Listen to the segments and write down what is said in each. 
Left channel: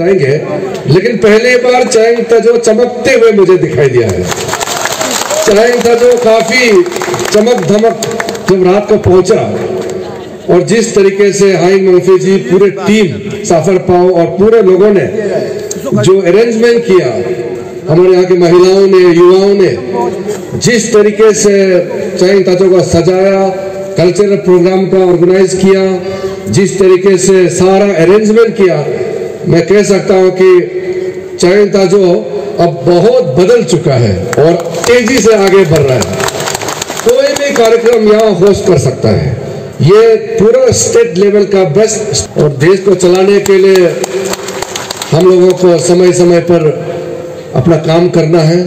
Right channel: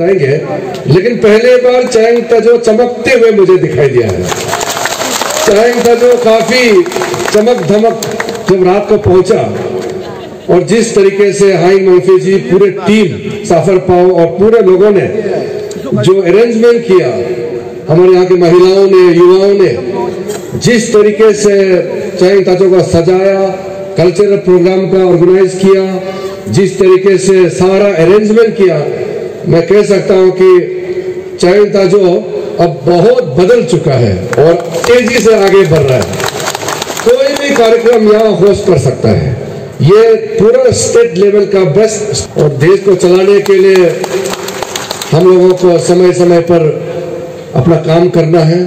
बताएंगे, लेकिन पहली बार चाइंग ताजो चमकते हुए मुझे दिखाई दिया है। चाइंग ताजो काफी चमक धमक जब रात को पहुंचा और जिस तरीके से हाई मोफी जी, पूरे टीम साफर पाओ और पूरे लोगों ने जो अरेंजमेंट किया, हमारे यहाँ की महिलाओं ने, युवाओं ने जिस तरीके से चाइंग ताजो को सजाया, कल्चरल प्रोग्राम का ऑर्गेनाइज किया, जिस तरीके से सारा अरेंजमेंट किया, मैं कह सकता हूं कि चाइंग ताजो अब बहुत बदल चुका है और तेजी से आगे बढ़ रहा है। कोई भी कार्यक्रम यहाँ होस्ट कर सकता है। ये पूरा स्टेट लेवल का बेस्ट, और देश को चलाने के लिए हम लोगों को समय समय पर अपना काम करना है,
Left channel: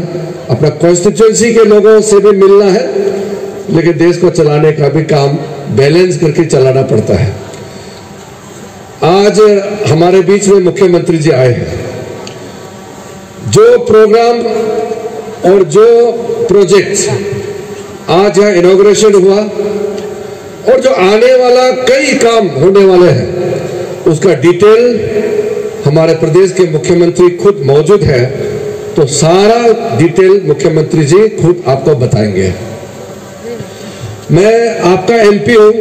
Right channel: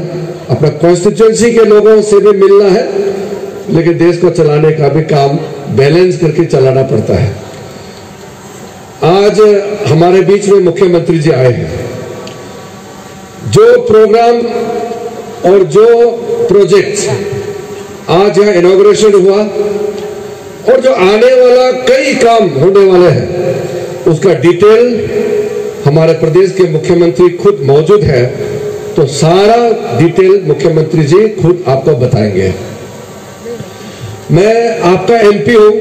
अपना कॉन्स्टिट्यूएंसी के लोगों से भी मिलना है, लेकिन देश को चलाने का भी काम बैलेंस करके चलाना पड़ता है। आज हमारे बीच में मुख्यमंत्री जी आए हैं। जो प्रोग्राम और जो प्रोजेक्ट आज यहाँ इनॉग्रेशन हुआ और जो आने वाला कई काम होने वाले हैं, उसका डिटेल हमारे प्रदेश के मुख्यमंत्री खुद मौजूद है, तो सारा डिटेल मुख्यमंत्री जी खुद आपको बताएंगे। मैं आपका एमपी हूं,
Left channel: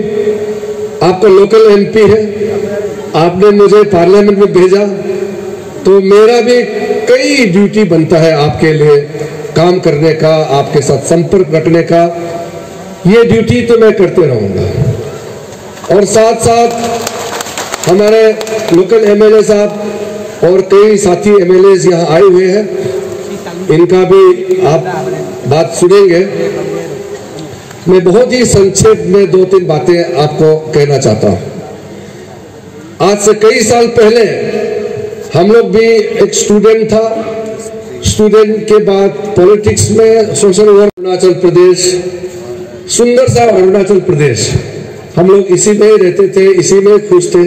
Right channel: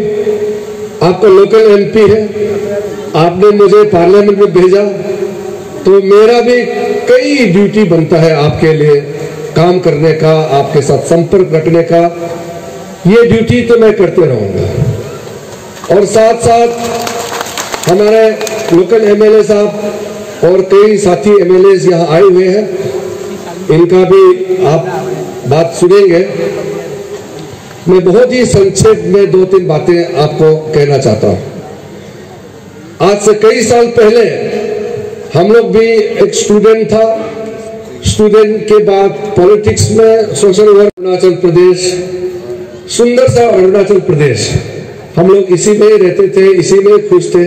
आपका लोकल एमपी है, आपने मुझे पार्लियामेंट में भेजा, तो मेरा भी कई ड्यूटी बनता है आपके लिए काम करने का, आपके साथ संपर्क रखने का। ये ड्यूटी तो मैं करते रहूंगा। और साथ साथ हमारे लोकल एमएलए साहब और कई साथी एमएलए यहाँ आए हुए हैं, इनका भी आप बात सुनेंगे। मैं बहुत ही संक्षेप में 2-3 बातें आपको कहना चाहता हूं। आज से कई साल पहले हम लोग भी, एक स्टूडेंट था, स्टूडेंट के बाद पॉलिटिक्स में सोशल वर्क, अरुणाचल प्रदेश, सुंदर सा अरुणाचल प्रदेश, हम लोग इसी में ही रहते थे, इसी में खुश थे।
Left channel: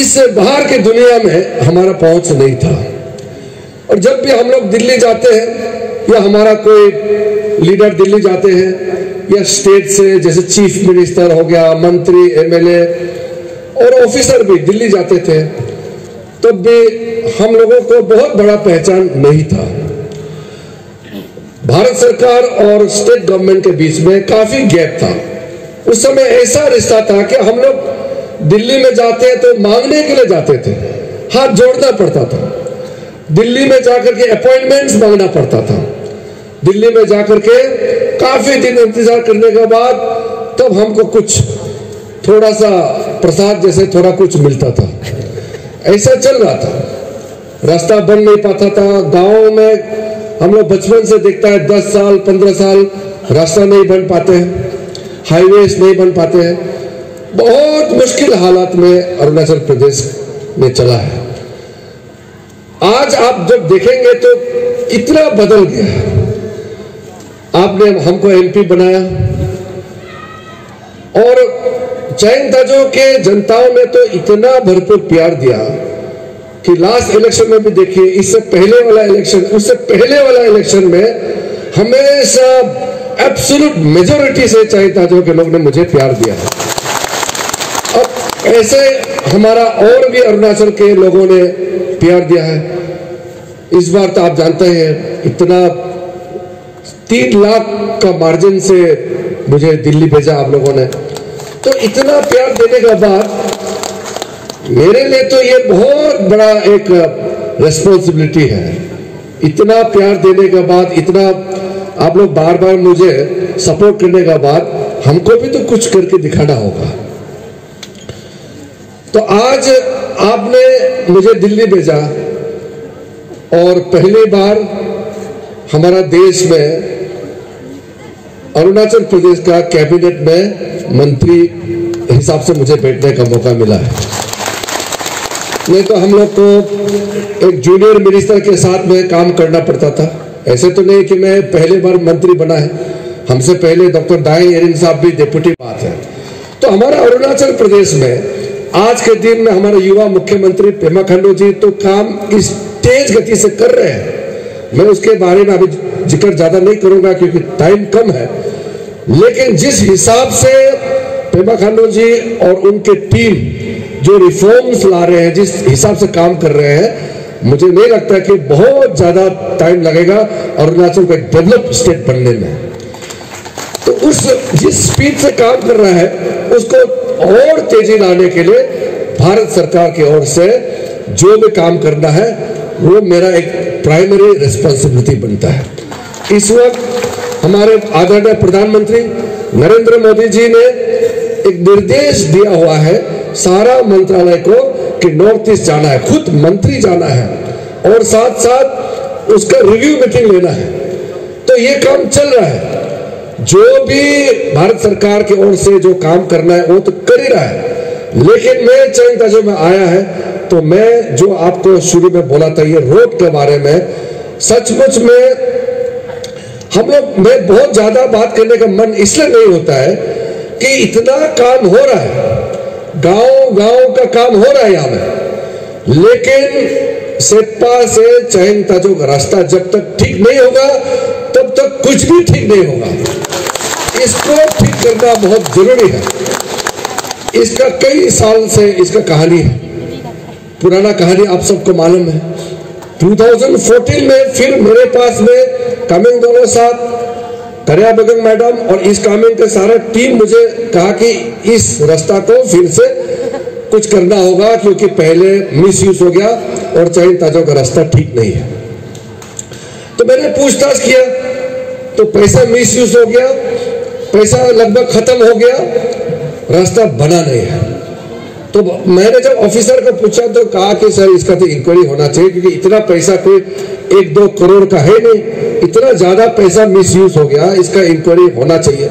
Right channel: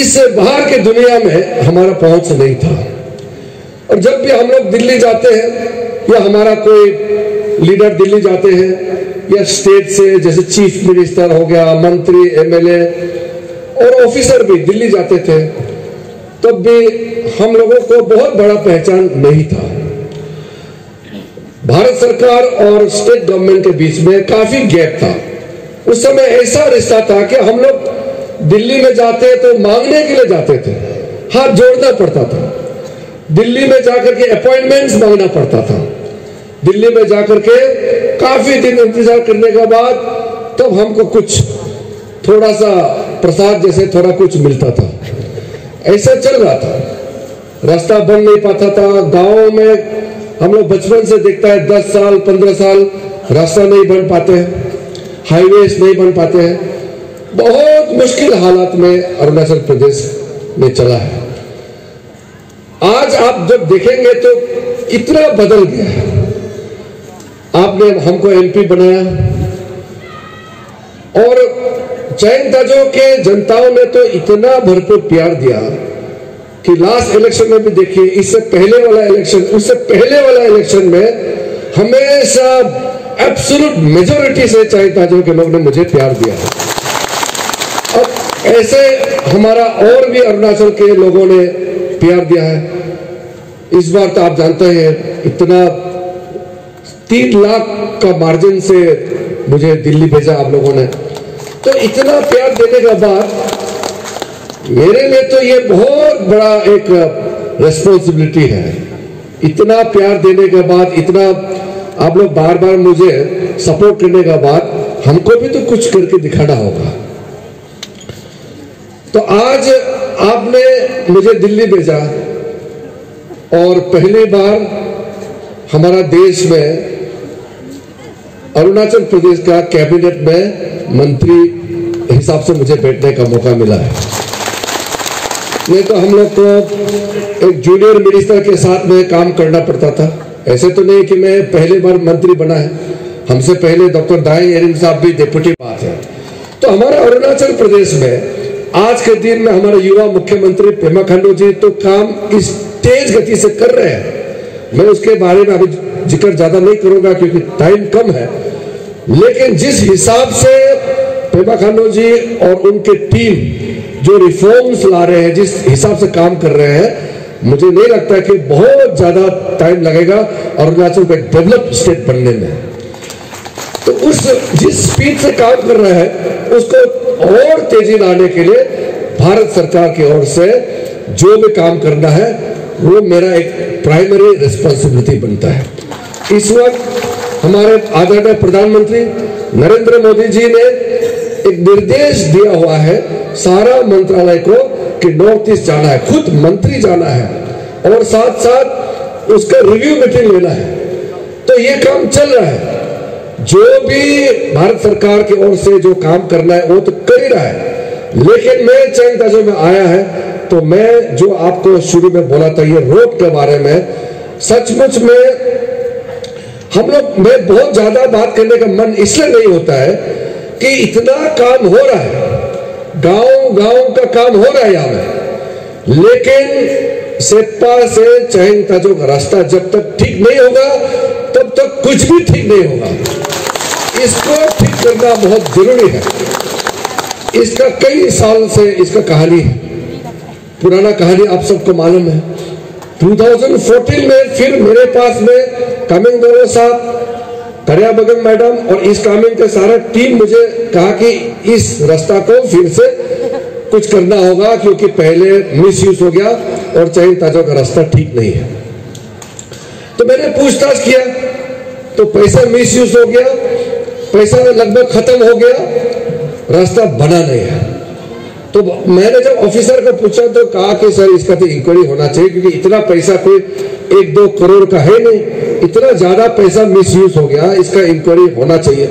इससे बाहर की दुनिया में हमारा पहुंच नहीं था। और जब भी हम लोग दिल्ली जाते हैं या हमारा कोई लीडर दिल्ली जाते हैं या स्टेट से, जैसे चीफ मिनिस्टर हो गया, मंत्री, एमएलए और ऑफिसर भी दिल्ली जाते थे, तब भी हम लोगों को बहुत बड़ा पहचान नहीं था। भारत सरकार और स्टेट गवर्नमेंट के बीच में काफी गैप था। उस समय ऐसा रिश्ता था कि हम लोग दिल्ली में जाते तो मांगने के लिए जाते थे, हाथ जोड़ना पड़ता था। दिल्ली में जाकर के अपॉइंटमेंट्स मांगना पड़ता था। दिल्ली में जाकर के काफी दिन इंतजार करने के बाद तब हमको कुछ थोड़ा सा प्रसाद जैसे थोड़ा कुछ मिलता था। ऐसा चल रहा था, रास्ता बन नहीं पाता था। गांवों में हम लोग बचपन से देखता है 10 साल 15 साल रास्ता नहीं बन पाते, हाईवेज नहीं बन पाते हैं। बहुत मुश्किल हालात में अरुणाचल प्रदेश में चला है। आज आप जब देखेंगे तो इतना बदल गया। आपने हमको एमपी बनाया और चाइंग ताजो के जनताओं ने तो इतना भरपूर प्यार दिया कि लास्ट इलेक्शन में भी देखिए, इससे पहले वाला इलेक्शन, उससे पहले वाला इलेक्शन में हमेशा एब्सोल्यूट मेजोरिटी से चाइंग ताजो के लोग ने मुझे प्यार दिया। अब ऐसे हमारा और भी अरुणाचल के लोगों ने प्यार दिया है। इस बार तो आप जानते हैं इतना 3 लाख का मार्जिन से मुझे दिल्ली भेजा आप लोगों ने। तो इतना प्यार देने के बाद मेरे लिए तो ये बहुत बड़ा एक रेस्पॉन्सिबिलिटी है। इतना प्यार देने के बाद, इतना आप लोग बार बार मुझे सपोर्ट करने के बाद हमको भी तो कुछ करके दिखाना होगा। तो आज आपने मुझे दिल्ली भेजा और पहली बार हमारा देश में अरुणाचल प्रदेश का कैबिनेट में मंत्री हिसाब से मुझे बैठने का मौका मिला है। नहीं तो हम लोग को एक जूनियर मिनिस्टर के साथ में काम करना पड़ता था। ऐसे तो नहीं कि मैं पहली बार मंत्री बना है, हमसे पहले डॉक्टर दाई एरिंग साहब भी डिप्टी बात है। तो हमारा अरुणाचल प्रदेश में आज के दिन में हमारे युवा मुख्यमंत्री पेमा खांडू जी तो काम इस तेज गति से कर रहे हैं। मैं उसके बारे में अभी जिक्र ज्यादा नहीं करूंगा क्योंकि टाइम कम है, लेकिन जिस हिसाब से पेमा खांडू जी और उनके टीम जो रिफॉर्म्स ला रहे हैं, जिस हिसाब से काम कर रहे हैं, मुझे नहीं लगता कि बहुत ज्यादा टाइम लगेगा अरुणाचल को एक डेवलप स्टेट बनने में। तो जिस स्पीड से काम कर रहा है उसको और तेजी लाने के लिए भारत सरकार की ओर से जो भी काम करना है वो मेरा एक प्राइमरी रिस्पॉन्सिबिलिटी बनता है। इस वक्त हमारे आदरणीय प्रधानमंत्री नरेंद्र मोदी जी ने एक निर्देश दिया हुआ है सारा मंत्रालय को कि नॉर्थ ईस्ट जाना है, खुद मंत्री जाना है और साथ साथ उसका रिव्यू मीटिंग लेना है। तो ये काम चल रहा है। जो भी भारत सरकार की ओर से जो काम करना है वो तो कर ही रहा है, लेकिन मैं चैंग ताजो में आया है तो मैं जो आपको शुरू में बोला था ये रोड के बारे में, सचमुच में हम लोग में बहुत ज्यादा बात करने का मन इसलिए नहीं होता है कि इतना काम हो रहा है, गांव गांव का काम हो रहा है यहाँ में, लेकिन सेप्पा से चैंग ताजो का रास्ता जब तक ठीक नहीं होगा तब तक कुछ भी ठीक नहीं होगा। इसको ठीक करना बहुत जरूरी है। इसका कई साल से इसका कहानी है, पुराना कहानी आप सबको मालूम है। 2014 में फिर मेरे पास में कामेंग दोरो साहब, करिया बगन मैडम और इस कामेंग का सारा टीम मुझे कहा कि इस रास्ता को फिर से कुछ करना होगा क्योंकि पहले मिसयूज हो गया और चैंग ताजो का रास्ता ठीक नहीं है। तो मैंने पूछताछ किया तो पैसा मिसयूज हो गया, पैसा लगभग खत्म हो गया, रास्ता बना नहीं है। तो मैंने जब ऑफिसर को पूछा तो कहा कि सर इसका तो इंक्वायरी होना चाहिए क्योंकि इतना पैसा कोई 1-2 करोड़ का है नहीं, इतना ज्यादा पैसा मिसयूज हो गया, इसका इंक्वायरी होना चाहिए।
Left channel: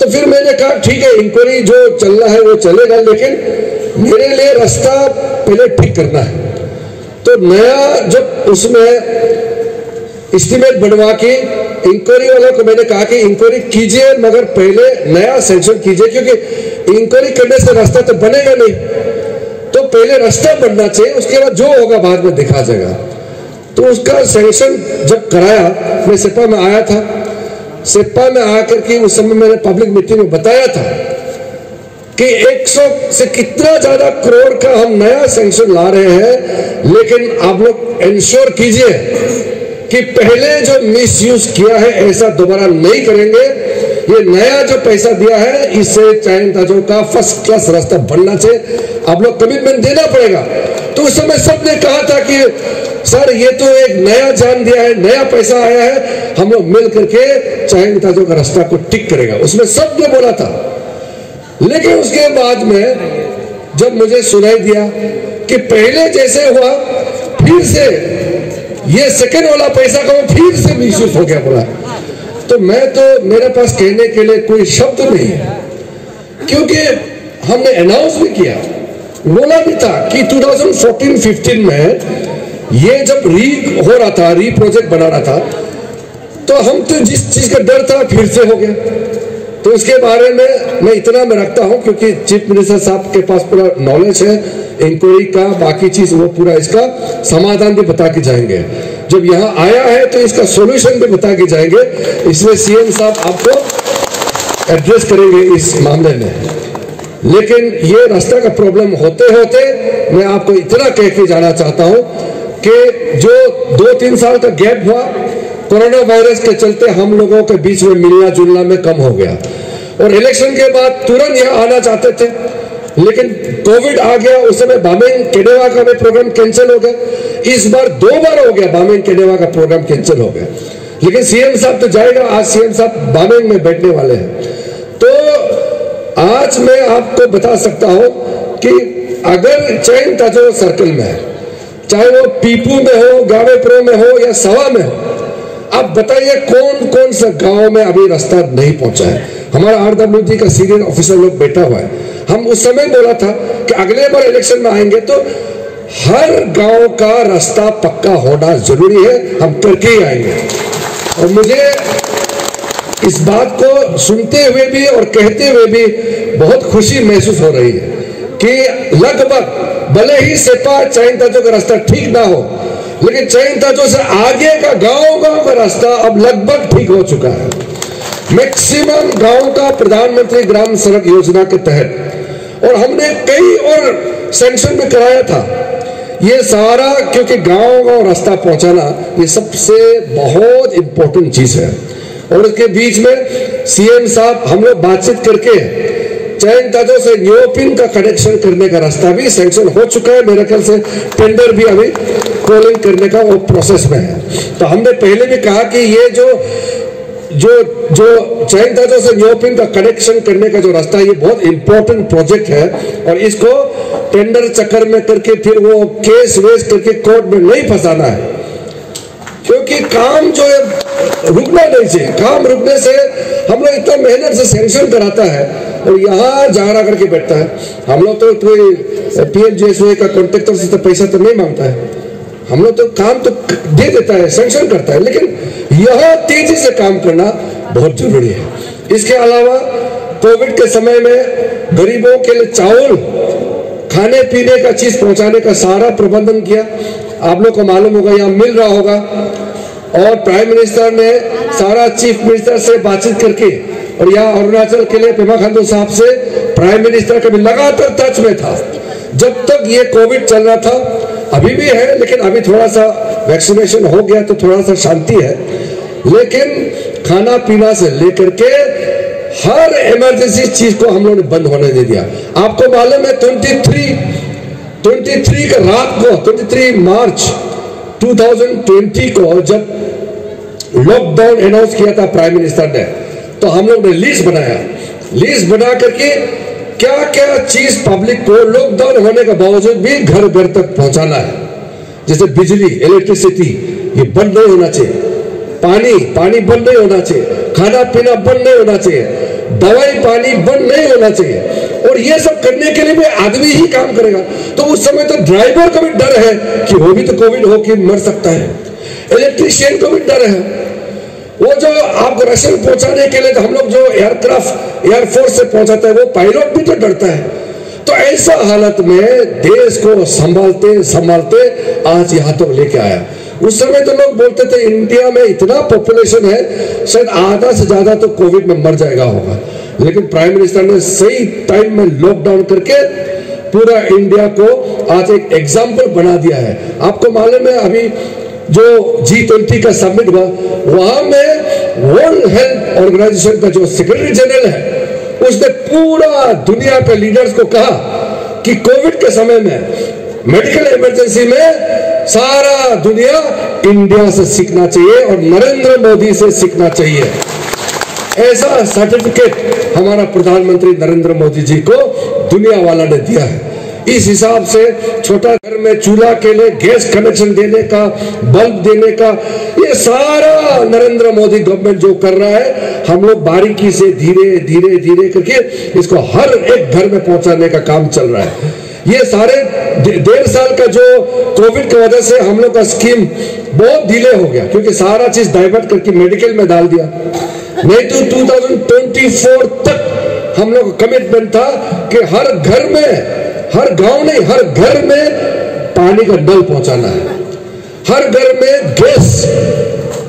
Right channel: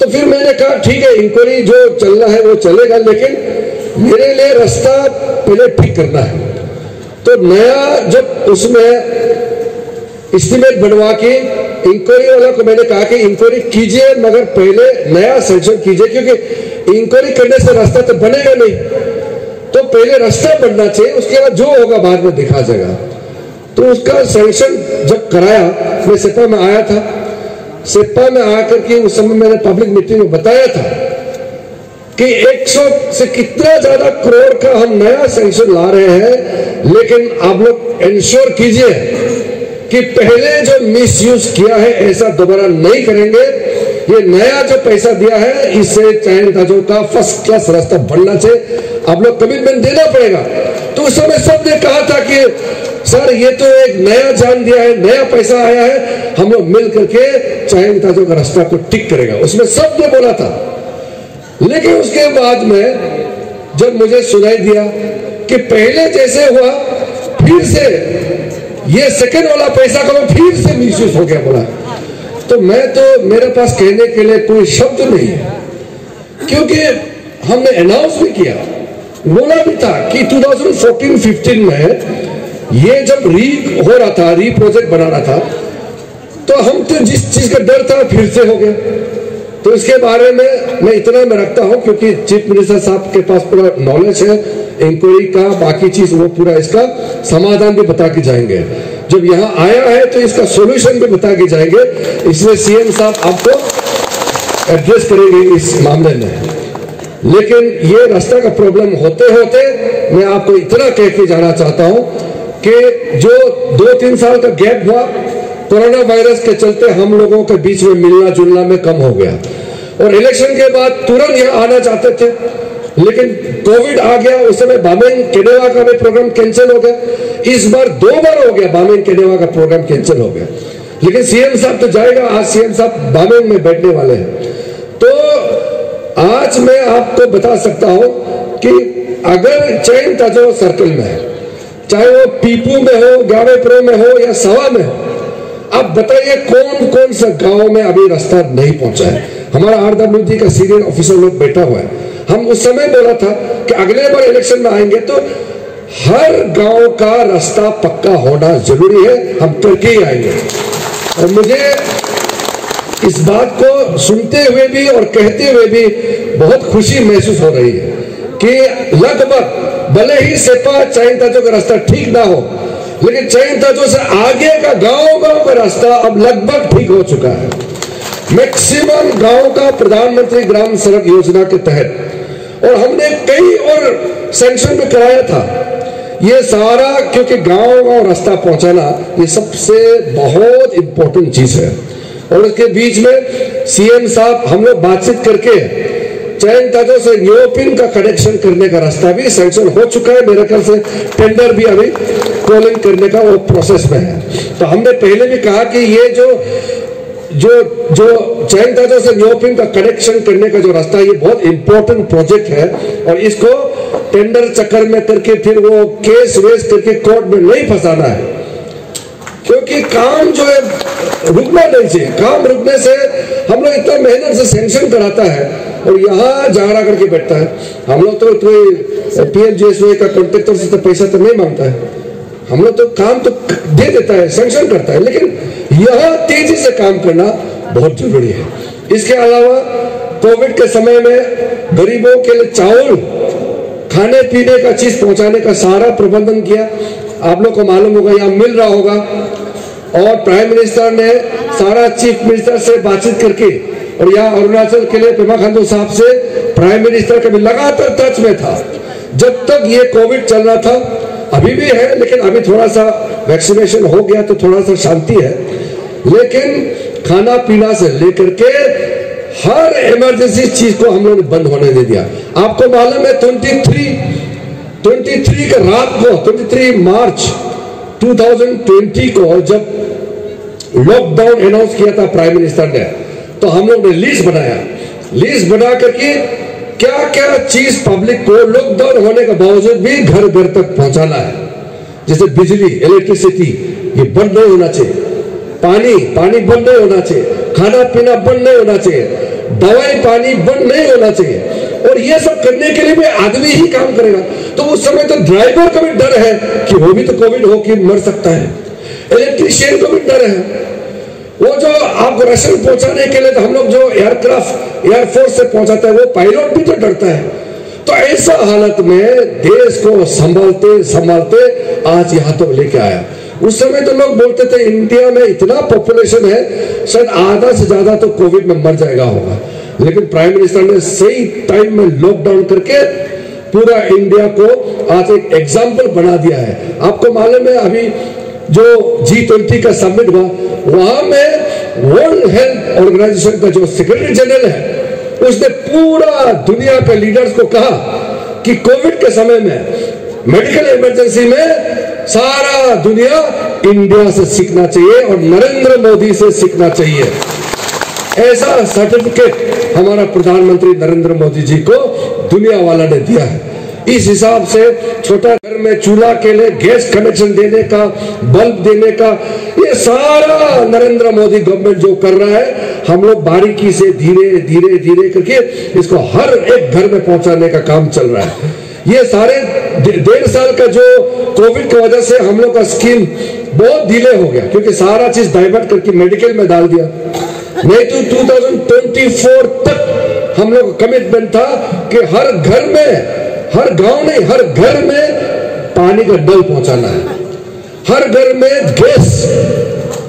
तो फिर मैंने कहा ठीक है, इंक्वायरी जो चल रहा है वो चलेगा, लेकिन मेरे लिए रास्ता पहले ठीक करना है। तो नया जब उसमें एस्टिमेट बनवा के इंक्वायरी वाला को मैंने कहा कि इंक्वायरी कीजिए मगर पहले नया सेंक्शन कीजिए, क्योंकि इंक्वायरी करने से रास्ता तो बनेगा नहीं, तो पहले रास्ता बनना चाहिए, उसके बाद जो होगा बाद में दिखा जाएगा। तो उसका सेंक्शन जब कराया, मैं सेप्पा में आया था, सेप्पा में आकर के उस समय मैंने पब्लिक मीटिंग में बताया था कि 100 से कितना ज्यादा करोड़ का हम नया सेंक्शन ला रहे हैं, लेकिन आप लोग इंश्योर कीजिए कि पहले जो मिसयूज किया है ऐसा दोबारा नहीं करेंगे। ये नया जो पैसा दिया है इससे चैंग ताजो का फर्स्ट क्लास रास्ता बनना चाहिए, आप लोग कमिटमेंट देना पड़ेगा। तो उस समय सबने कहा था कि सर ये तो एक नया जान दिया है, नया पैसा आया है, हम लोग मिल करके चैंग ताजो का रास्ता को ठीक करेगा, उसमें सबने बोला था। लेकिन उसके बाद में जब मुझे सुनाई दिया कि पहले जैसे हुआ फिर से ये सेकंड वाला पैसा का फिर से मिसयूज हो गया बोला, तो मैं तो मेरे पास कहने के लिए कोई शब्द नहीं है, क्योंकि हमने अनाउंस भी किया, बोला भी था कि 2014-15 में ये जब हो रहा था, प्रोजेक्ट बना रहा था, तो हम तो जिस चीज का डर था फिर से हो गया। तो इसके बारे में मैं इतना में रखता हूं क्योंकि चीफ मिनिस्टर साहब के पास पूरा नॉलेज है इंक्वायरी का, बाकी चीज वो पूरा इसका समाधान भी बता के जाएंगे। जब यहाँ आया है तो इसका सॉल्यूशन भी बता के जाएंगे, इसलिए सीएम साहब आपको एड्रेस करेंगे इस मामले में। लेकिन ये रास्ता का प्रॉब्लम होते होते मैं आपको इतना कह के जाना चाहता हूं कि जो 2-3 साल का गैप हुआ कोरोना वायरस के चलते हम लोगों के बीच में मिलना जुलना में कम हो गया, और इलेक्शन के बाद तुरंत यहाँ आना चाहते थे, लेकिन कोविड आ गया, उस समय बामेंग केडेवा का भी प्रोग्राम कैंसिल हो गया। इस बार 2 बार हो गया बामेंग केडेवा का प्रोग्राम कैंसिल हो गया, लेकिन सीएम साहब तो जाएगा, आज सीएम साहब बामेंग में बैठने वाले हैं। तो आज मैं आपको बता सकता हूं कि अगर चैंग ताजो सर्कल में है, चाहे वो पीपू में हो, गावेप्रो में हो या सवा में हो, अब बताइए कौन कौन सा गांव में अभी रास्ता नहीं पहुंचा है। हमारा RWD का सीनियर ऑफिसर लोग बैठा हुआ है, हम उस समय बोला था कि अगले बार इलेक्शन में आएंगे तो हर गांव का रास्ता पक्का होना जरूरी है, हम करके ही आएंगे। और मुझे इस बात को सुनते हुए भी और कहते हुए भी बहुत खुशी महसूस हो रही है कि लगभग भले ही सेप्पा चैंग ताजो का रास्ता ठीक ना हो, लेकिन चैंग ताजो से आगे का गांव का रास्ता अब लगभग ठीक हो चुका है। मैक्सिमम गांव का प्रधानमंत्री ग्राम सड़क योजना के तहत, और हमने कई और सैंक्शन में कराया था। ये सारा क्योंकि गांव रास्ता पहुंचाना ये सबसे बहुत इंपॉर्टेंट चीज है। और उसके बीच में सीएम साहब हम लोग बातचीत करके चैंग ताजो से न्योपिन का कनेक्शन करने का रास्ता भी सैंक्शन हो चुका है। मेरे ख्याल से टेंडर भी अभी कॉलिंग करने का वो प्रोसेस में है। तो हमने पहले भी कहा कि ये जो चैंग ताजो से न्योपिन का कनेक्शन करने का जो रास्ता है ये बहुत इंपॉर्टेंट प्रोजेक्ट है और इसको टेंडर चक्कर में करके फिर वो केस वेस करके कोर्ट में नहीं फंसाना है, क्योंकि काम जो है रुकना नहीं चाहिए। काम रुकने से हम लोग इतना मेहनत से सैंक्शन कराता है और यहाँ झगड़ा करके बैठता है। हम लोग तो कोई पीएमजीएसवाई का कॉन्ट्रैक्टर से तो पैसा तो नहीं मांगता है, हम लोग तो काम तो दे देता है, सैंक्शन करता है, लेकिन यहाँ तेजी से काम करना बहुत जरूरी है। इसके अलावा कोविड के समय में गरीबों के लिए चावल, खाने पीने का चीज पहुंचाने का सारा प्रबंधन किया। आप लोग को मालूम होगा, यहाँ मिल रहा होगा। और प्राइम मिनिस्टर ने सारा चीफ मिनिस्टर से बातचीत करके और यहाँ अरुणाचल के लिए पेमा खांडू साहब से प्राइम मिनिस्टर कभी लगातार टच में था जब तक ये कोविड चल रहा था। अभी भी है, लेकिन अभी थोड़ा सा वैक्सीनेशन हो गया तो थोड़ा सा शांति है, लेकिन खाना पीना से लेकर के हर इमरजेंसी चीज को हम लोगों ने बंद होने दे दिया। आपको मालूम है 23 का रात को 23 मार्च 2020 को जब लॉकडाउन अनाउंस किया था प्राइम मिनिस्टर ने, तो हम लोग ने लिस्ट बनाया। लिस्ट बना करके क्या क्या चीज पब्लिक को लॉकडाउन होने के बावजूद भी घर घर तक पहुंचाना है। जैसे बिजली, इलेक्ट्रिसिटी ये बंद नहीं होना चाहिए, पानी बंद नहीं होना चाहिए, खाना पीना बंद नहीं होना चाहिए, दवाई पानी बंद नहीं होना चाहिए। और ये सब करने के लिए भी आदमी ही काम करेगा। तो उस समय तो ड्राइवर को भी डर है कि वो भी तो कोविड होकर मर सकता है, इलेक्ट्रिशियन को भी डर है। वो जो आपको राशन पहुंचाने के लिए तो हम लोग जो एयरक्राफ्ट एयरफोर्स से पहुंचाता है वो पायलट भी तो डरता है। तो ऐसा हालत में देश को संभालते संभालते आज यहां तक लेके आया। उस समय तो लोग बोलते थे इंडिया में इतना पॉपुलेशन है, शायद आधा से ज्यादा तो कोविड में मर जाएगा होगा, लेकिन प्राइम मिनिस्टर ने सही टाइम में लॉकडाउन करके पूरा इंडिया को आज एक एग्जाम्पल बना दिया है। आपको मालूम है अभी जो G20 का समिट हुआ, वहां में वर्ल्ड हेल्थ ऑर्गेनाइजेशन का जो सेक्रेटरी जनरल है उसने पूरा दुनिया के लीडर्स को कहा कि कोविड के समय में मेडिकल इमरजेंसी में सारा दुनिया इंडिया से सीखना चाहिए और नरेंद्र मोदी से सीखना चाहिए। ऐसा सर्टिफिकेट हमारा प्रधानमंत्री नरेंद्र मोदी जी को दुनिया वाला ने दिया है। इस हिसाब से छोटा घर में चूल्हा के लिए गैस कनेक्शन देने का, बल्ब देने का, ये सारा नरेंद्र मोदी गवर्नमेंट जो कर रहा है, हम लोग बारीकी से धीरे धीरे धीरे करके इसको हर एक घर में पहुंचाने का काम चल रहा है। ये सारे 1.5 साल का जो कोविड की वजह से हम लोग का स्कीम बहुत डिले हो गया, क्योंकि सारा चीज डाइवर्ट करके मेडिकल में डाल दिया। नहीं तो 2024 तक हम लोग कमिटमेंट था कि हर घर में, हर गांव नहीं हर घर में पानी का नल पहुंचाना है, हर घर में गैस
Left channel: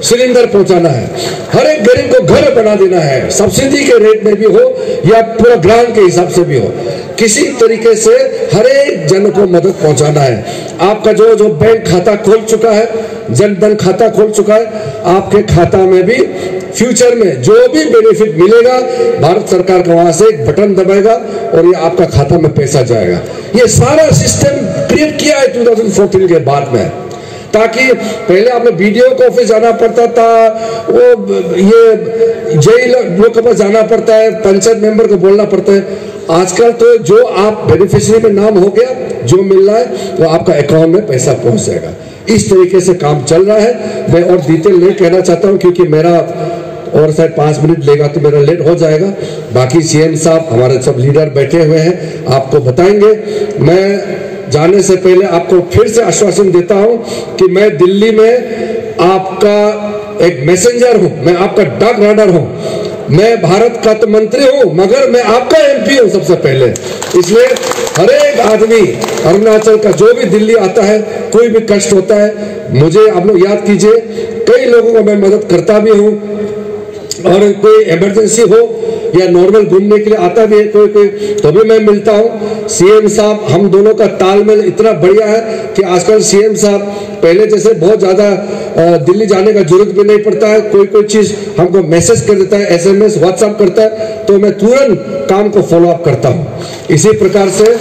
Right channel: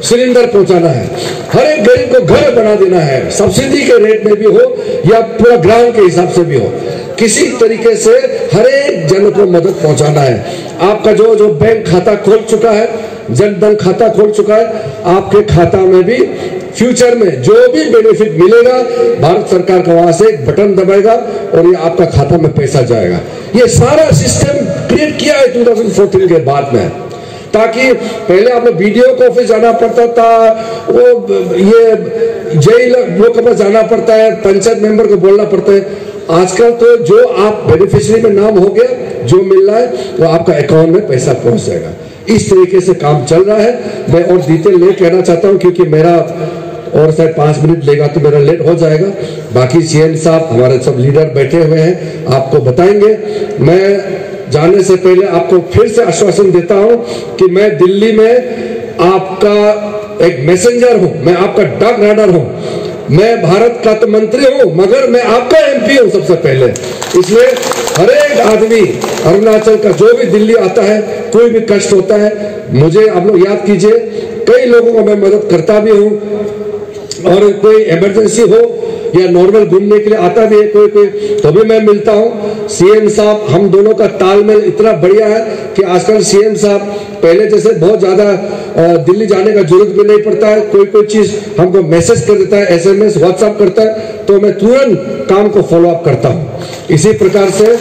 सिलेंडर पहुंचाना है, हर एक गरीब को घर बना देना है, सब्सिडी के रेट में भी हो या पूरा ग्राम के हिसाब से भी हो, किसी तरीके से हर एक जन को मदद पहुंचाना है। आपका जो बैंक खाता खोल चुका है, जनधन खाता खोल चुका है, आपके खाता में भी फ्यूचर में जो भी बेनिफिट मिलेगा भारत सरकार का वहां से एक बटन दबाएगा और ये आपका खाता में पैसा जाएगा। ये सारा सिस्टम क्रिएट किया है 2014 के बाद में, ताकि पहले आपने बीडीओ को ऑफिस जाना पड़ता था, वो ये जेल लोग के पास जाना पड़ता है, पंचायत मेंबर को बोलना पड़ता है। आजकल तो जो आप बेनिफिशियरी में नाम हो गया, जो मिल रहा है वो आपका अकाउंट में पैसा पहुंच जाएगा। इस तरीके से काम चल रहा है। मैं और डिटेल नहीं कहना चाहता हूं क्योंकि मेरा और शायद 5 मिनट लेगा तो मेरा लेट हो जाएगा। बाकी सीएम साहब हमारे सब लीडर बैठे हुए हैं, आपको बताएंगे। मैं जाने से पहले आपको फिर से आश्वासन देता हूं कि मैं दिल्ली में आपका एक मैसेंजर हूं, मैं आपका डाक राइडर हूं, मैं भारत का तो मंत्री हूं मगर मैं आपका एमपी हूं सबसे पहले। इसलिए हर एक आदमी अरुणाचल का जो भी दिल्ली आता है, कोई भी कष्ट होता है, मुझे आप लोग याद कीजिए। कई लोगों को मैं मदद करता भी हूं और कोई इमरजेंसी हो या नॉर्मल घूमने के लिए आता भी है कोई कोई, तो भी मैं मिलता हूँ। सीएम साहब, हम दोनों का तालमेल इतना बढ़िया है कि आजकल सीएम साहब पहले जैसे बहुत ज्यादा दिल्ली जाने का जरूरत भी नहीं पड़ता है। कोई कोई चीज हमको मैसेज कर देता है, SMS व्हाट्सएप करता है, तो मैं तुरंत काम को फॉलो अप करता हूँ। इसी प्रकार से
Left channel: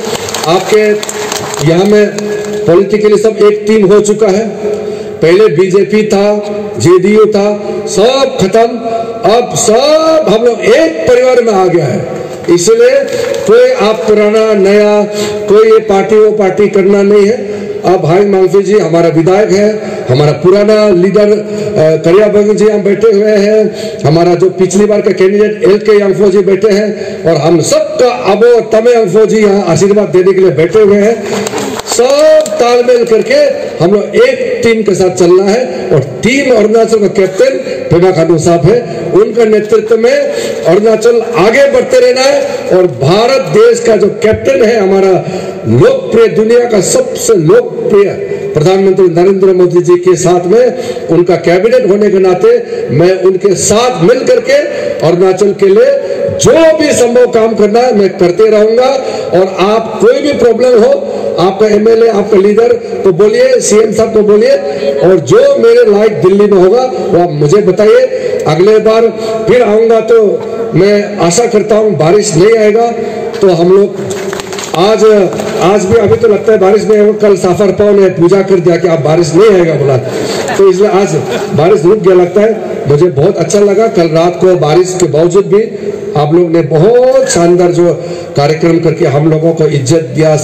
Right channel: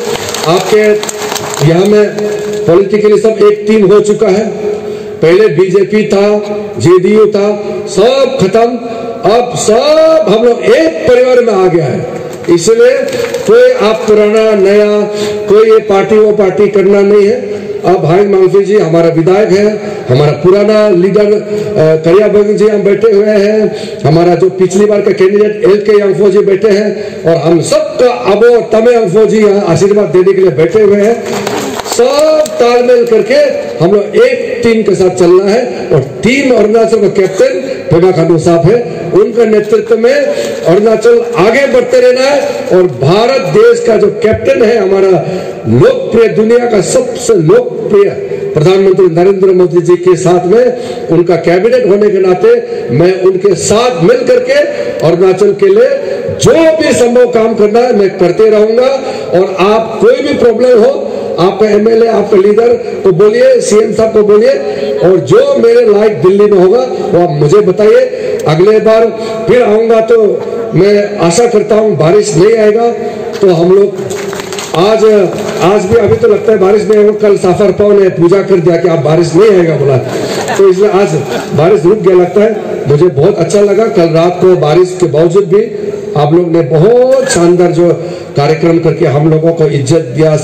आपके यहाँ में पॉलिटिकली सब एक टीम हो चुका है। पहले बीजेपी था, JDU था, सब खत्म, अब सब हम लोग एक परिवार में आ गया है। इसलिए कोई आप पुराना नया कोई ये पार्टी वो पार्टी करना नहीं है। अब भाई मालवी जी हमारा विधायक है, हमारा पुराना लीडर करिया बंग जी हम बैठे हुए हैं, हमारा जो पिछली बार का कैंडिडेट LK यादव जी बैठे हैं, और हम सबका अबो तमे यादव जी यहाँ आशीर्वाद देने के लिए बैठे हुए हैं। सब तालमेल करके हम लोग एक टीम के साथ चलना है, और टीम अरुणाचल का कैप्टन पेमा खांडू साहब है, उनका नेतृत्व में अरुणाचल आगे बढ़ते रहना है। और भारत देश का जो कैप्टन है, हमारा लोकप्रिय, दुनिया का सबसे लोकप्रिय प्रधानमंत्री नरेंद्र मोदी जी के साथ में, उनका कैबिनेट होने के नाते मैं उनके साथ मिल करके अरुणाचल के लिए जो भी संभव काम करना है मैं करते रहूंगा। और आप कोई भी प्रॉब्लम हो, आपका MLA, आपका लीडर को बोलिए, CM साहब को बोलिए, और जो मेरे लायक दिल्ली में होगा वो आप मुझे बताइए। अगले बार फिर आऊंगा तो मैं आशा करता हूं बारिश नहीं आएगा, तो हम लोग आज भी अभी तो लगता है बारिश नहीं आएगा। कल साफर पाव ने पूजा कर दिया कि आप बारिश नहीं आएगा बोला, तो इसलिए आज बारिश रुक गया लगता है। मुझे बहुत अच्छा लगा, कल रात को बारिश के बावजूद भी आप लोग ने बहुत शानदार जो कार्यक्रम करके हम लोगों को इज्जत दिया,